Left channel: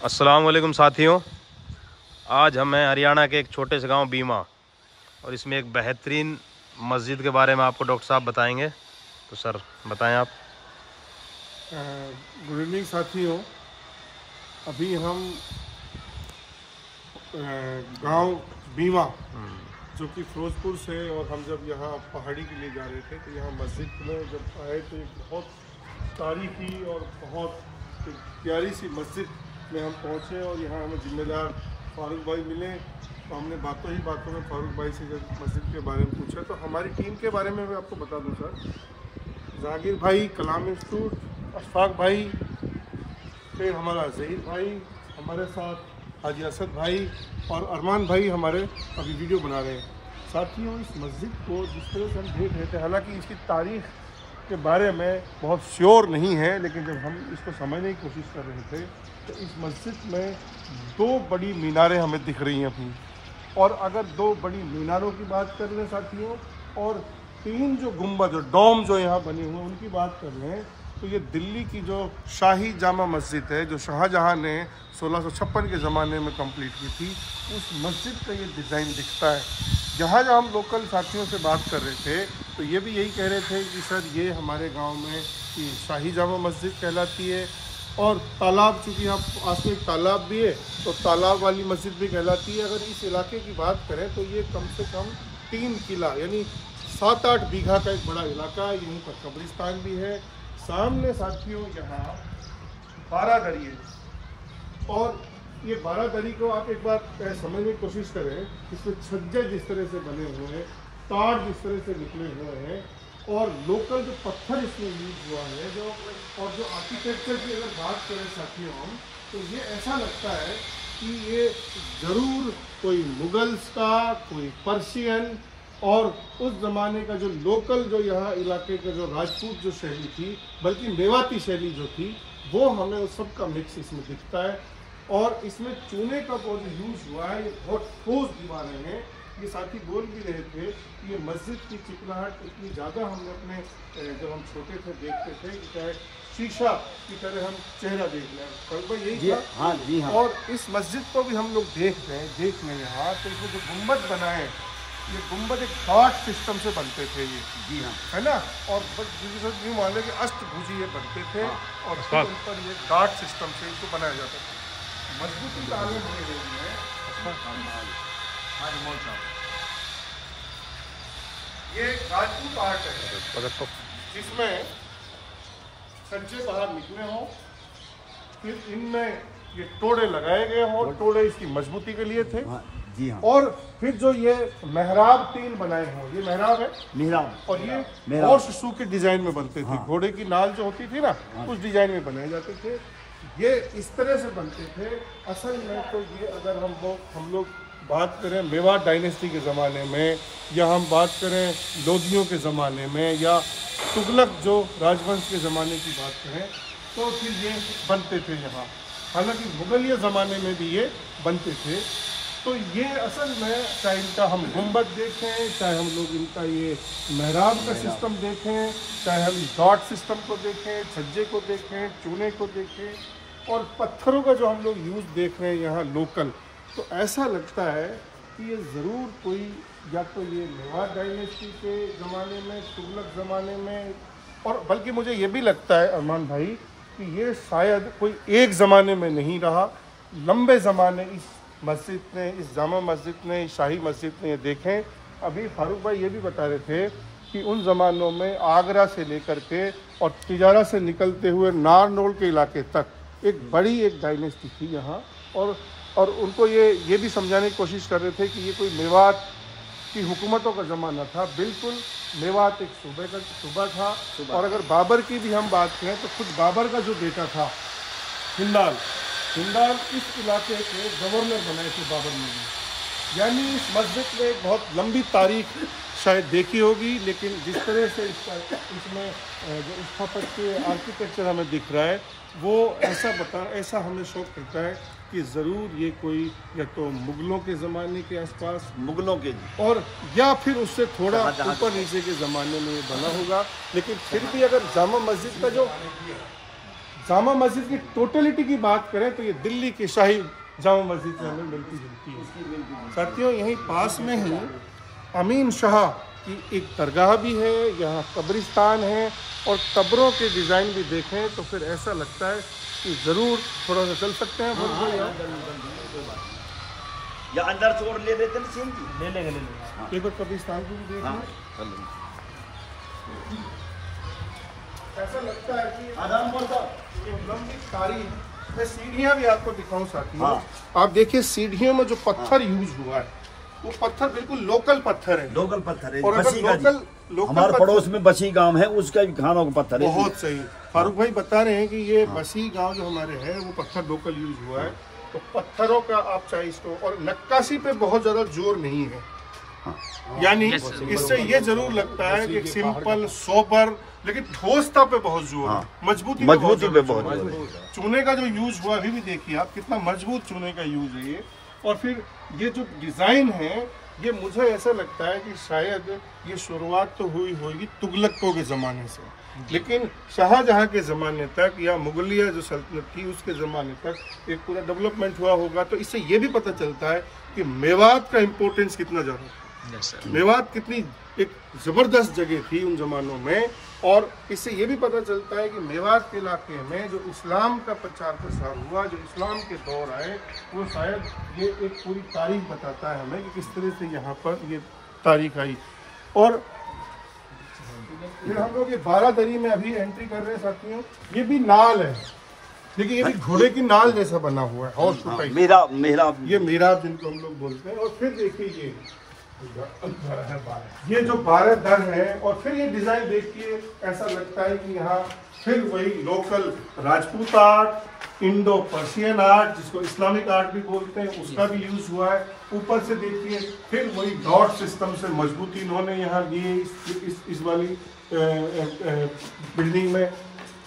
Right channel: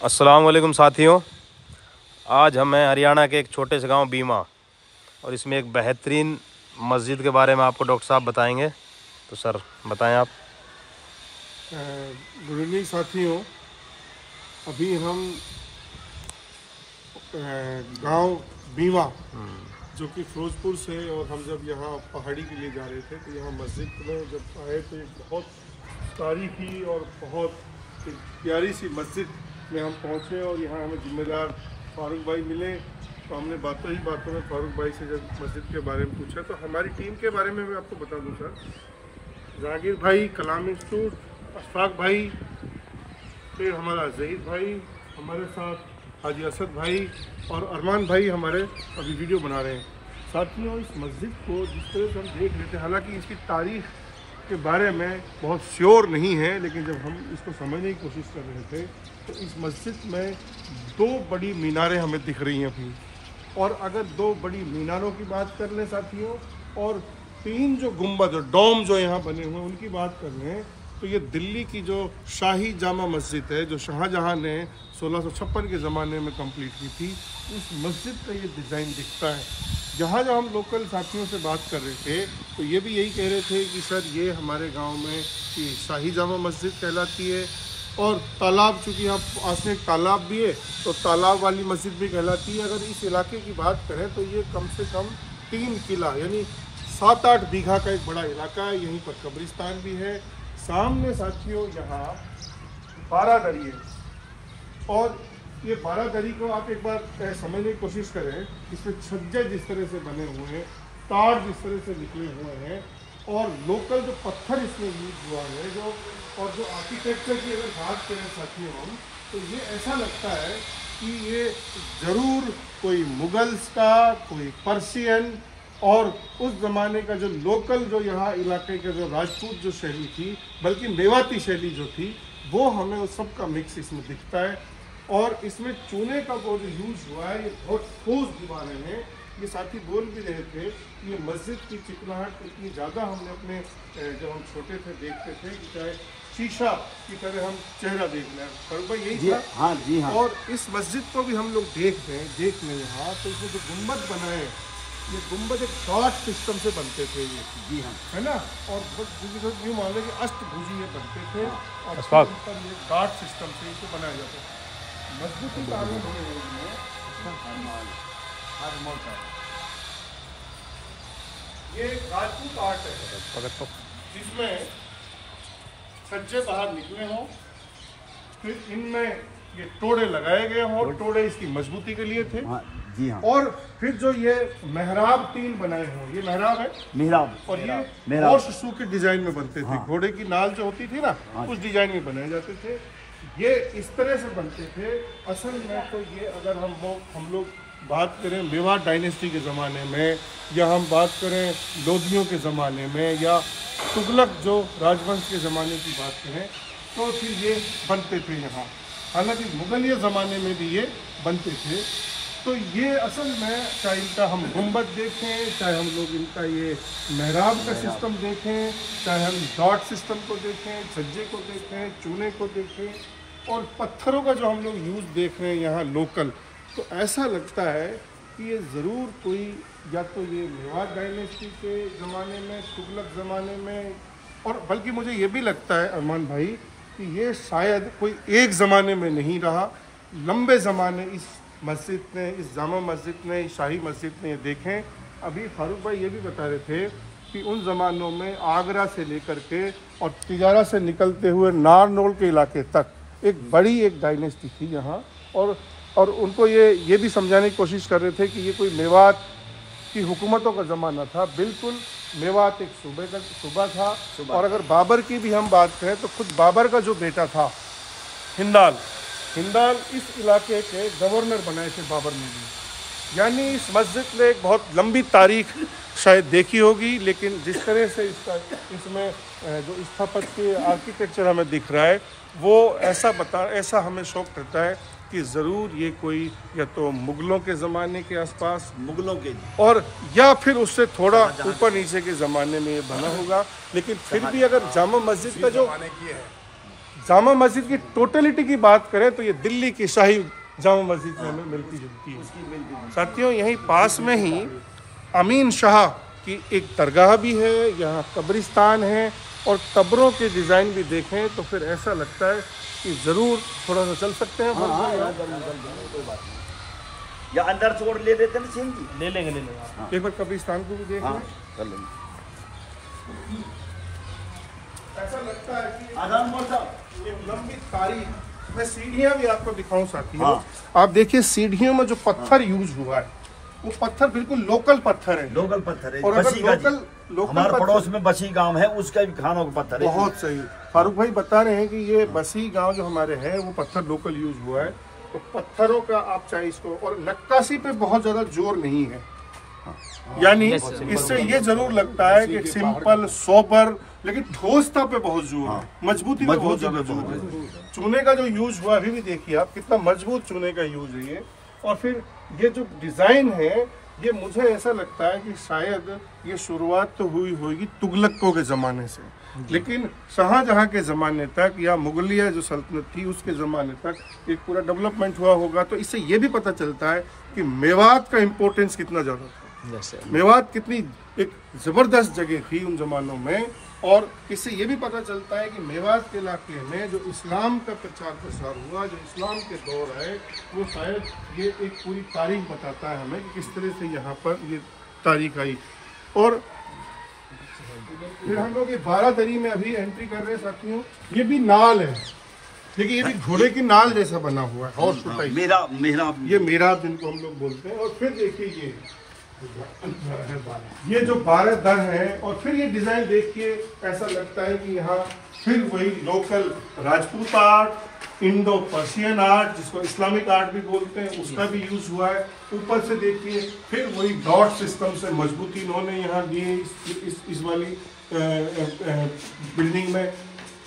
अस्सलाम वालेकुम साथियों, आज हम हैं हरियाणा के एक छोटे से गांव बीमा और इसमें एक बेहतरीन मस्जिद के बारे में आपको डॉक्टर साहब बताएंगे। तो सर बताएं आप। गुड इवनिंग साथियों, अभी हम गांव बीमा जो कि फिरोजपुर से, और हम जब यहाँ पहाड़ी के लिए जा रहे थे तो यहाँ मस्जिद में जब आए तो एक बहुत तारीखी और बहुत प्यारी सी मस्जिद में हम पहुँचे और यहाँ हमें जिम्मेदार फारूक भाई मिले। तो हमने बातों ही बातों में फारूक भाई से जब मस्जिद के बारे में पूछा तो हमारी टीम के बारे में मैं आपको बता दूँ सर। जहांगीर भाई कलाम इंस्टीट्यूट, अशफाक भाई, फिर हमारा जहीर भाई, हमारे साथ हाजी असद भाई और अरमान भाई हमारे अभी वीडियो बना रहे हैं। साथियों, इस मस्जिद को जिस तरह से हम देख रहे थे, हालांकि इसकी तारीख के बारे में बहुत श्योर नहीं है, लेकिन जब हम इसको समझने की कोशिश कर रहे थे तो इस मस्जिद में दो बड़ी मीनारें हमें दिख रही हैं अभी। और अगर दो बड़ी मीनारों की बात कर लें साथियों, और तीन जो गुंबद और डोम जो यहाँ बने हुए हैं उनकी बात कर लें, तो ये दिल्ली की जो शाही जामा मस्जिद है जो शाहजहां ने 1656 के ज़माने में कंप्लीट की थी, उस मस्जिद का ये डिज़ाइन दिखता है। जहाँ हम लोकल साथियों से बात कर रहे थे तो ये भी यही कह रहे थे कि सर ये हमारे गांव में ये शाही जामा मस्जिद कहलाती है, और तालाब, चूँकि यहाँ पास में एक तालाब भी है तो तालाब वाली मस्जिद भी कहलाती है। अगर इस इलाके की बात करें तो ये कम से कम 3 किला यानी 7-8 बीघा का एक बड़ा इलाका है। यहीं पर कब्रिस्तान भी है। सामने साथियों यहाँ 12 दरी है, और ये 12 दरी को आप एक बार समझने की कोशिश करें। इसमें छज्जे जिस तरह से बने हुए हैं, तार जिस तरह से निकले हुए हैं, और लोकल जो पत्थर इसमें यूज हुआ है, जो आर्किटेक्चर की अगर बात करें साथियों हम, तो ये ऐसा लगता है कि ये ज़रूर कोई मुगल्स का, कोई पर्शियन और उस ज़माने का जो लोकल, जो यहाँ इलाके के जो राजपूत जो शैली थी, बल्कि मेवाती शैली जो थी, वो हमें उस सब का मिक्स इसमें दिखता है। और इसमें चूने का वो जो यूज़ हुआ है, ये बहुत ठोस दीवारें हैं। ये साथी बोल भी रहे थे कि ये मस्जिद की चिकनाहट इतनी ज़्यादा हमने अपने जब हम छोटे थे देखते थे कि चाहे शीशा की तरह हम चेहरा देख लें। पर भाई यही था। हाँ जी हाँ। और इस मस्जिद को भी हम लोग देख लें यहाँ, तो इसमें जो गुम्बद बना है, ये गुम्बद एक डॉट सिस्टम से बनते थे ये, जी हाँ, है ना। और यूँ मान लें कि अष्टभुजी ये बनते थे। हाँ। और फिर उन पर ये डॉट सिस्टम से इनको बनाया जाता था। मजबूती का आलम है ये राजपूत आर्ट है जिसमें सज्जे बाहर निकले हों, फिर इनमें ये टोड़े लगाए गए हों। टोड़े इसकी मजबूती के लिए थे। जी हाँ। और फिर जो ये मेहराब 3 बनाए हों, ये मेहराब है, मेहराब, और ये हॉर्स शू के डिजाइन में बनते थे। घोड़े की नाल जो होती थी ना, उस डिजाइन में बनाए जाते थे। ये इस तरह से बनते थे। असल में तो ये अगर हम लोग बात करें मेवाड़ डायनेस्टी के ज़माने में, या हम बात करें लोधियों के ज़माने में, या तुगलक जो राजवंश के ज़माने की बात करें, तो फिर ये बनते थे यहाँ। हालांकि मुगलिया ज़माने में भी ये बनते थे। तो ये असल में, चाहे इनका हम गुंबद देखें, चाहे हम लोग इनका ये मेहराब का सिस्टम देखें, चाहे हम डॉट सिस्टम को देखें, छज्जे को देखें, चूने को देखें, और पत्थरों का जो हम लोग यूज़ देख रहे हैं यहाँ लोकल, तो ऐसा लगता है कि ये ज़रूर कोई, या तो ये मेवाड़ डायनेस्टी के ज़माने में, तुगलक ज़माने में, और बल्कि मुझे ये भी लगता है अरमान भाई कि ये शायद कोई एक ज़माने में नहीं रहा, लंबे ज़माने इस मस्जिद ने, इस जामा मस्जिद ने, शाही मस्जिद ने ये देखें। अभी फारूक भाई ये भी बता रहे थे कि उन ज़मानों में आगरा से लेकर के और तिजारा से निकलते हुए नारनौल के इलाके तक एक बड़ी एक डायनेस्टी थी यहाँ। और उनको ये भी समझाने की कोशिश कर रहे थे कि ये कोई मेवात की हुकूमतों का ज़माना था। बिल्कुल, मेवात एक सूबा था। और अगर बाबर की भी हम बात करें तो खुद बाबर का जो बेटा था हिंदाल इस इलाके के गवर्नर बनाए थे बाबर ने भी। यानी इस मस्जिद ने एक बहुत लंबी तारीख शायद देखी होगी, लेकिन जिस तरह से इसमें जो स्थापत्य आर्किटेक्चर हमें दिख रहा है, वो ऐसा हमें शौक करता है कि ज़रूर ये कोई या तो मुग़लों के ज़माने के आसपास, मुगलों के, और या फिर उससे थोड़ा ऊपर नीचे के ज़माने में ये बना होगा। लेकिन फिर भी अगर जामा मस्जिद का जो जामा मस्जिद की टोटलिटी की बात करें तो ये दिल्ली की शाही जामा मस्जिद से हमें मिलती जुलती है। साथियों, यहीं पास में ही अमीन शाह की एक दरगाह भी है, यहाँ कब्रिस्तान है, और कब्रों के डिज़ाइन भी देखें तो फिर ऐसा लगता है कि ज़रूर थोड़ा सा चल सकते हैं। या अंदर से और ले लेते ना, ले लेंगे एक बार कब्रिस्तान को भी देख लें। ऐसा लगता है कि एक लंबी तारीख। मैं सीढ़ियाँ भी आपको दिखाऊं साथियों। आप देखिए सीढ़ियों में जो पत्थर यूज हुआ है वो पत्थर बिल्कुल लोकल पत्थर है। लोकल पत्थर है। और अगर लोकल हमारे पड़ोस में बसी गांव है, उसका भी खानों का पत्थर है। बहुत सही। फारूक भाई बता रहे हैं कि ये बसी गांव जो हमारे है वो पत्थर लोकल यूज हुआ है। तो पत्थरों का आप चाहे इसको, और नक्काशी पे बहुत ज्यादा जोर नहीं है, यानी इससे ये जरूर लगता है कि सिंपल सोबर, लेकिन ठोसता पे बहुत जोर है, मजबूती पे बहुत जोर है। चूने का जो यूज हुआ अभी भी देखिए आप, कितना मजबूत चूने का यूज है ये। और फिर ये जो डिजाइन है ये मुझे ऐसा लगता है कि शायद ये शुरुआत तो हुई होगी तुगलकों के ज़माने से, लेकिन शाहजहां के ज़माने तक या मुगलिया जो सल्तनत थी उसके ज़माने तक एक पूरा डेवलपमेंट हुआ होगा। तो इससे ये भी पता चलता है कि मेवात का इम्पोर्टेंस कितना ज़्यादा था। मेवात कितनी एक ज़बरदस्त जगह थी उन ज़मानों में। और इससे ये भी पता चलता है कि मेवात के इलाके में जो इस्लाम का प्रचार प्रसार हुआ, जो इस्लाम के दौर आए, वो शायद ये एक पूरी तारीख बताता है हमें कि किस तरह से यहाँ पर ये तारीख आई। और फिर हम लोग ये 12 दरी में अभी एंट्री कर रहे हैं साथियों। ये भी नाल है, देखिए ये भी घोड़े की नाल जैसा बना हुआ है, हॉर्स टाइप। ये मेहराब जिनको हम लोग बोलते हैं। और फिर देखिए ये जो 12 दर है, और फिर ये डिजाइन देखिए ऐसा लगता है कि यहाँ फिर वही local Rajput art, Indo Persian art, जिसको इस्लामिक आर्ट भी बोलते हैं, उसका भी यूज हुआ है। ऊपर से देखिए फिर वही डॉट सिस्टम से मजबूती इन्होंने यहाँ दिए इस वाली बिल्डिंग में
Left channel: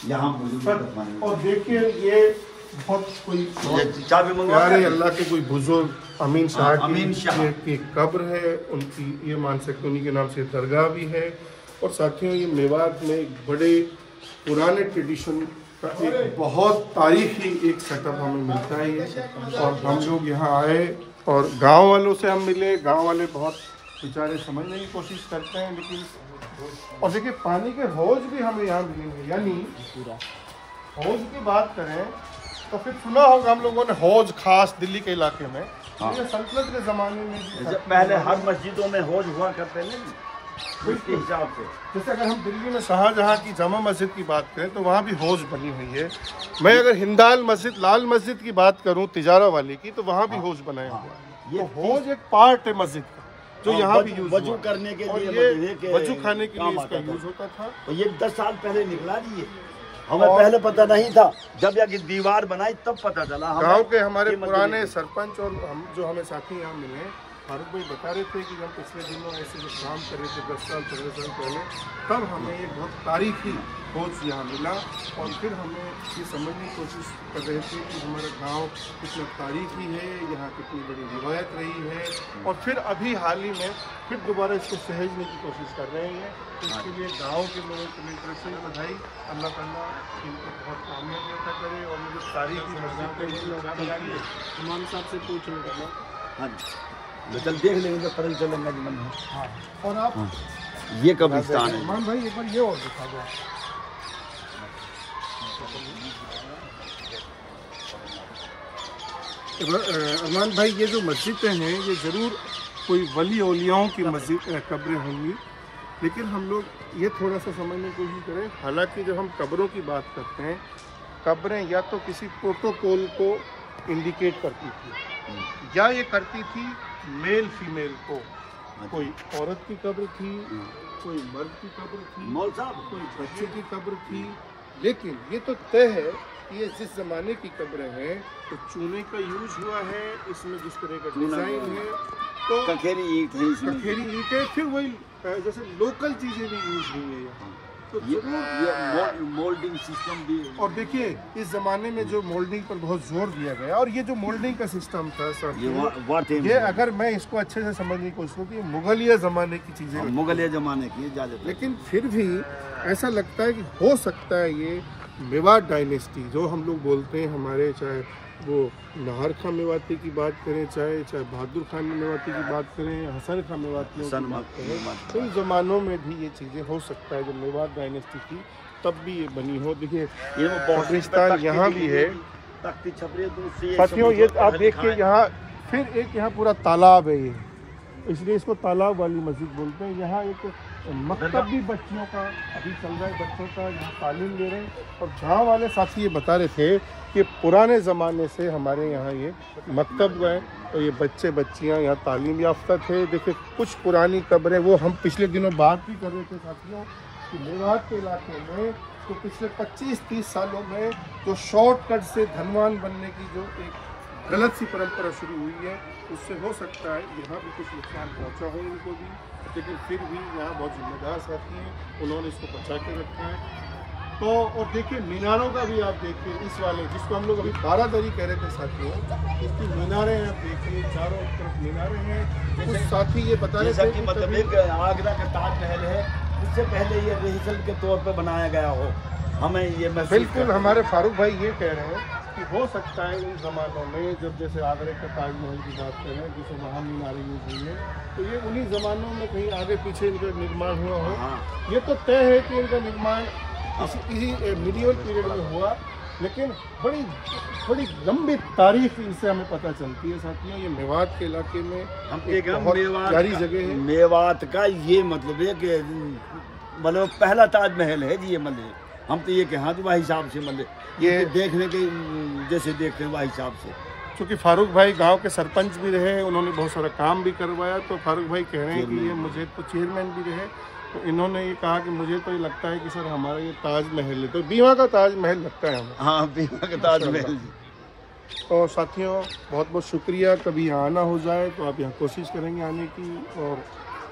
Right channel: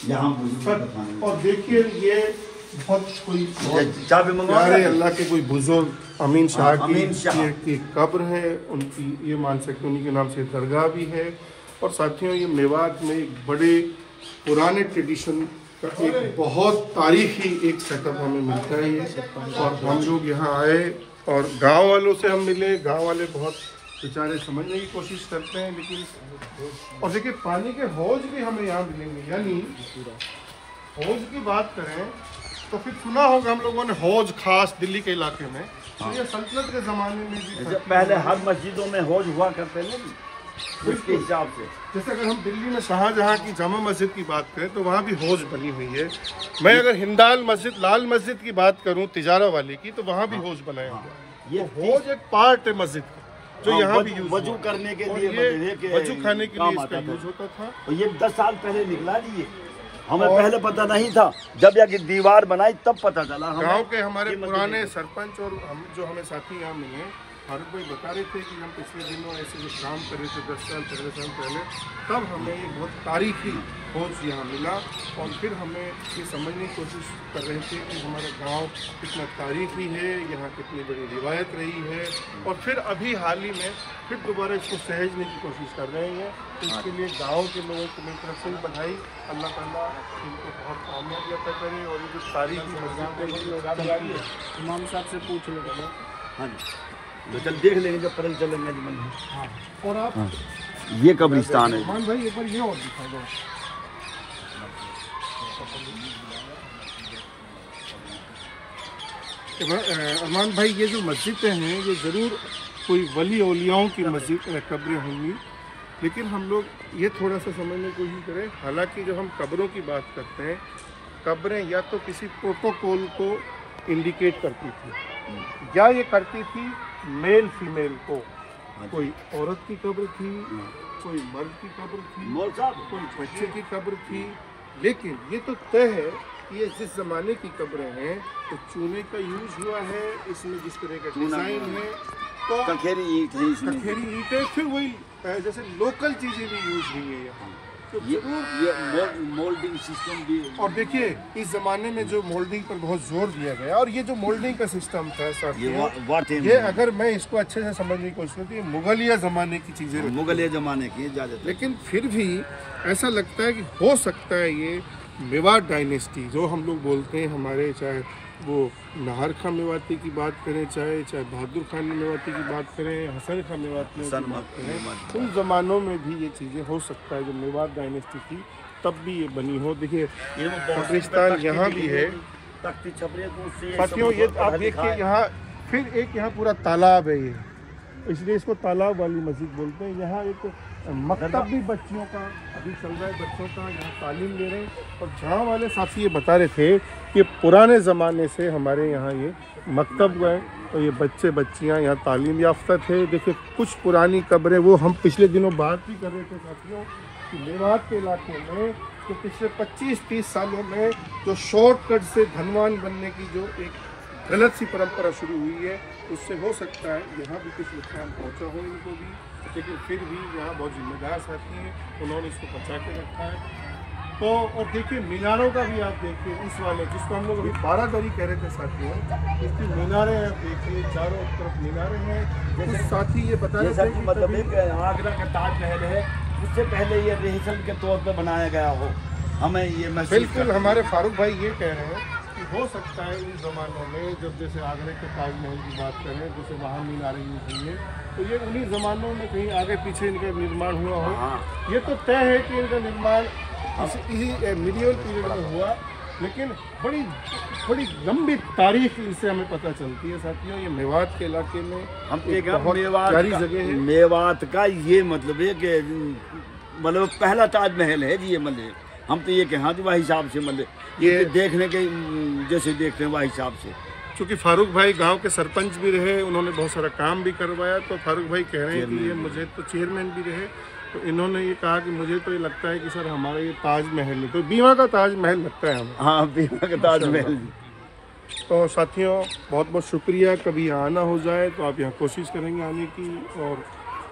यहाँ। और देखिए ये बहुत कोई प्यारे अल्लाह के कोई बुजुर्ग अमीन शाह की कब्र है, उनकी ये मान सकते उन्हीं के नाम से दरगाह भी है। और साथियों ये मेवात में एक बड़े पुराने ट्रेडिशन का एक बहुत तारीखी एक सेटअप हमें मिलता है ये। और हम लोग यहाँ आए और गांव वालों से हम मिले। गांव वाले बहुत बेचारे समझने की कोशिश करते हैं, लेकिन और देखिए पानी के हौज भी हमें यहाँ मिलेंगे। यानी हौज की बात करें तो फिर सुना होगा हम लोगों ने हौज खास दिल्ली के इलाके में। ये सल्तनत के ज़माने में भी पहले हर मस्जिदों में हौज हुआ करते हैं उसके हिसाब से। जैसे अगर हम दिल्ली में शाहजहां की जामा मस्जिद की बात करें तो वहाँ भी हौज बनी हुई है। मैं अगर हिंदाल मस्जिद, लाल मस्जिद की बात करूँ तिजारा वाली की, तो वहाँ भी हौज बने हुए हैं। ये हौज एक पार्ट है मस्जिद का जो यहाँ भी यूज वजू करने के लिए, वजू खाने के लिए इसका यूज होता था। ये 10 साल पहले निकला नहीं, हमें पहले पता नहीं था। जब यहाँ की दीवार बनाई तब पता चला। गांव के हमारे पुराने सरपंच और हम जो हमें साथी यहाँ मिले, फारूक भाई बता रहे थे कि हम पिछले दिनों ऐसे जो काम कर रहे थे 10 साल 15 साल पहले, तब हमें ये बहुत तारीखी खोज यहाँ मिला। और फिर हमें ये समझने की कोशिश कर रहे थे कि हमारा गांव कितना तारीखी है, यहाँ कितनी बड़ी रिवायत रही है। और फिर अभी हाल ही में फिर दोबारा इसको सहेजने की कोशिश कर रहे हैं। तो इसके लिए गाँव के लोगों की मेरी तरफ से भी बधाई। अल्लाह ताला इनको बहुत कामयाबी अता करे। और ये जो तारीखी इमाम साहब से पूछ लेंगे। हाँ जी, तो चल देख लेंगे जब पता चलेंगे मन में। हाँ। और आप ये कब्रिस्तान है। अरमान भाई एक बार ये और दिखा दो। अरमान भाई ये जो मस्जिदें हैं ये ज़रूर कोई वली औलियाओं की मस्जिद कब्रें होंगी, लेकिन हम लोग ये थोड़ा सा समझने की कोशिश करें। हालांकि जब हम कब्रों की बात करते हैं, कब्रें या तो किसी प्रोटोकॉल को इंडिकेट करती थी या ये करती थी मेल फीमेल को। कोई औरत की कब्र थी, कोई मर्द की कब्र थी, कोई बच्चे की कब्र थी। लेकिन ये तो तय है कि ये जिस ज़माने की कब्रें हैं तो चूने का यूज हुआ है, इसमें जिस तरह का डिज़ाइन है, तो कखेरी ईंट है इसमें। कखेरी ईंट है। फिर वही जैसे लोकल चीज़ें भी यूज हुई है यहाँ। तो ये मोल्डिंग सिस्टम भी। और देखिए इस जमाने में जो मोल्डिंग पर बहुत जोर दिया गया, और ये जो मोल्डिंग का सिस्टम था सर, ये अगर मैं इसको अच्छे से समझने की कोशिश करूँ तो ये मुगलिया जमाने की चीजें, मुगलिया जमाने की ज्यादा। लेकिन फिर भी ऐसा लगता है कि हो सकता है ये मेवात डायनेस्टी जो हम लोग बोलते हैं, हमारे चाहे वो नाहर खां मेवाती की बात करें, चाहे बहादुर खान मेवाती की बात करें, हसन खां मेवाती की बात करें, उन ज़मानों में भी ये चीज़ें हो सकता है। जब मेवात डायनेस्टी थी तब भी ये बनी हो। देखिए कब्रिस्तान यहाँ भी है साथियों, ये आप देखिए यहाँ फिर एक यहाँ पूरा तालाब है ये, इसलिए इसको तालाब वाली मस्जिद बोलते हैं। यहाँ एक मकतब भी बच्चियों का अभी चल रहा है, बच्चों का यहाँ तालीम ले रहे हैं। और जहाँ वाले साथी ये बता रहे थे कि पुराने ज़माने से हमारे यहाँ ये मकतब गए और ये बच्चे बच्चियाँ यहाँ तालीम याफ्ता थे। देखिए कुछ पुरानी कब्रें, वो हम पिछले दिनों बात भी कर रहे थे साथियों कि मेवात के इलाके में तो पिछले 25-30 सालों में जो शॉर्टकट से धनवान बनने की जो एक गलत सी परंपरा शुरू हुई है, उससे हो सकता है यहाँ भी कुछ नुकसान पहुँचा हो इनको भी, लेकिन फिर भी यहाँ बहुत जिम्मेदार साथी हैं, उन्होंने इसको बचा के रखा है। तो और देखिए मीनारों का भी आप देखिए, इस वाले जिसको हम लोग अभी 12 दरी कह रहे थे साथियों, इसकी मीनारें आप देखिए, चारों तरफ मीनारें हैं। कुछ साथी ये बता रहे थे कि मतलब एक आगरा का ताजमहल है, उससे पहले ये रिहर्सल के तौर पे बनाया गया हो, हमें ये बिल्कुल हमारे फारूक भाई ये कह रहे हैं कि हो सकता है उन ज़मानों में जब जैसे आगरे के ताजमहल की बात करें, जैसे वहाँ मीनारें यूज हुई है, तो ये उन्हीं ज़मानों में कहीं आगे पीछे इनका निर्माण हुआ हो। ये तो तय है कि इनका निर्माण इसी मीडियल पीरियड में हुआ, लेकिन बड़ी लंबी तारीख इनसे हमें पता चलती है साथियों। ये मेवात के इलाके में हम एक बहुत प्यारी जगह है। मेवात का ये मतलब है कि मतलब पहला ताजमहल है जी ये, मतलब हम तो ये कहा वह हिसाब से मतलब ये देखने के जैसे देखते हैं वह हिसाब से। क्योंकि फारूक भाई गांव के सरपंच भी रहे, उन्होंने बहुत सारा काम भी करवाया, तो फारूक भाई कह रहे हैं कि ये मुझे तो चेयरमैन भी रहे, तो इन्होंने ये कहा कि मुझे तो ये लगता है कि सर हमारा ये ताजमहल है, तो बीमा का ताजमहल लगता है हमें। हाँ, बीमा का ताजमहल। तो साथियों बहुत बहुत शुक्रिया, कभी यहाँ आना हो जाए तो आप यहाँ कोशिश करेंगे आने की। और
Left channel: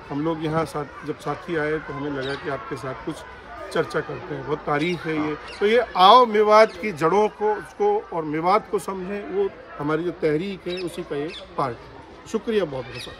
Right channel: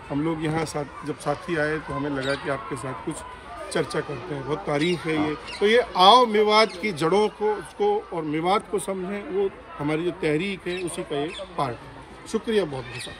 हम लोग यहाँ जब साथी आए तो हमें लगा कि आपके साथ कुछ चर्चा करते हैं, बहुत तारीफ है ये। तो ये आओ मेवात की जड़ों को उसको और मेवात को समझें, वो हमारी जो तहरीक है उसी का एक पार्ट। शुक्रिया बहुत बहुत।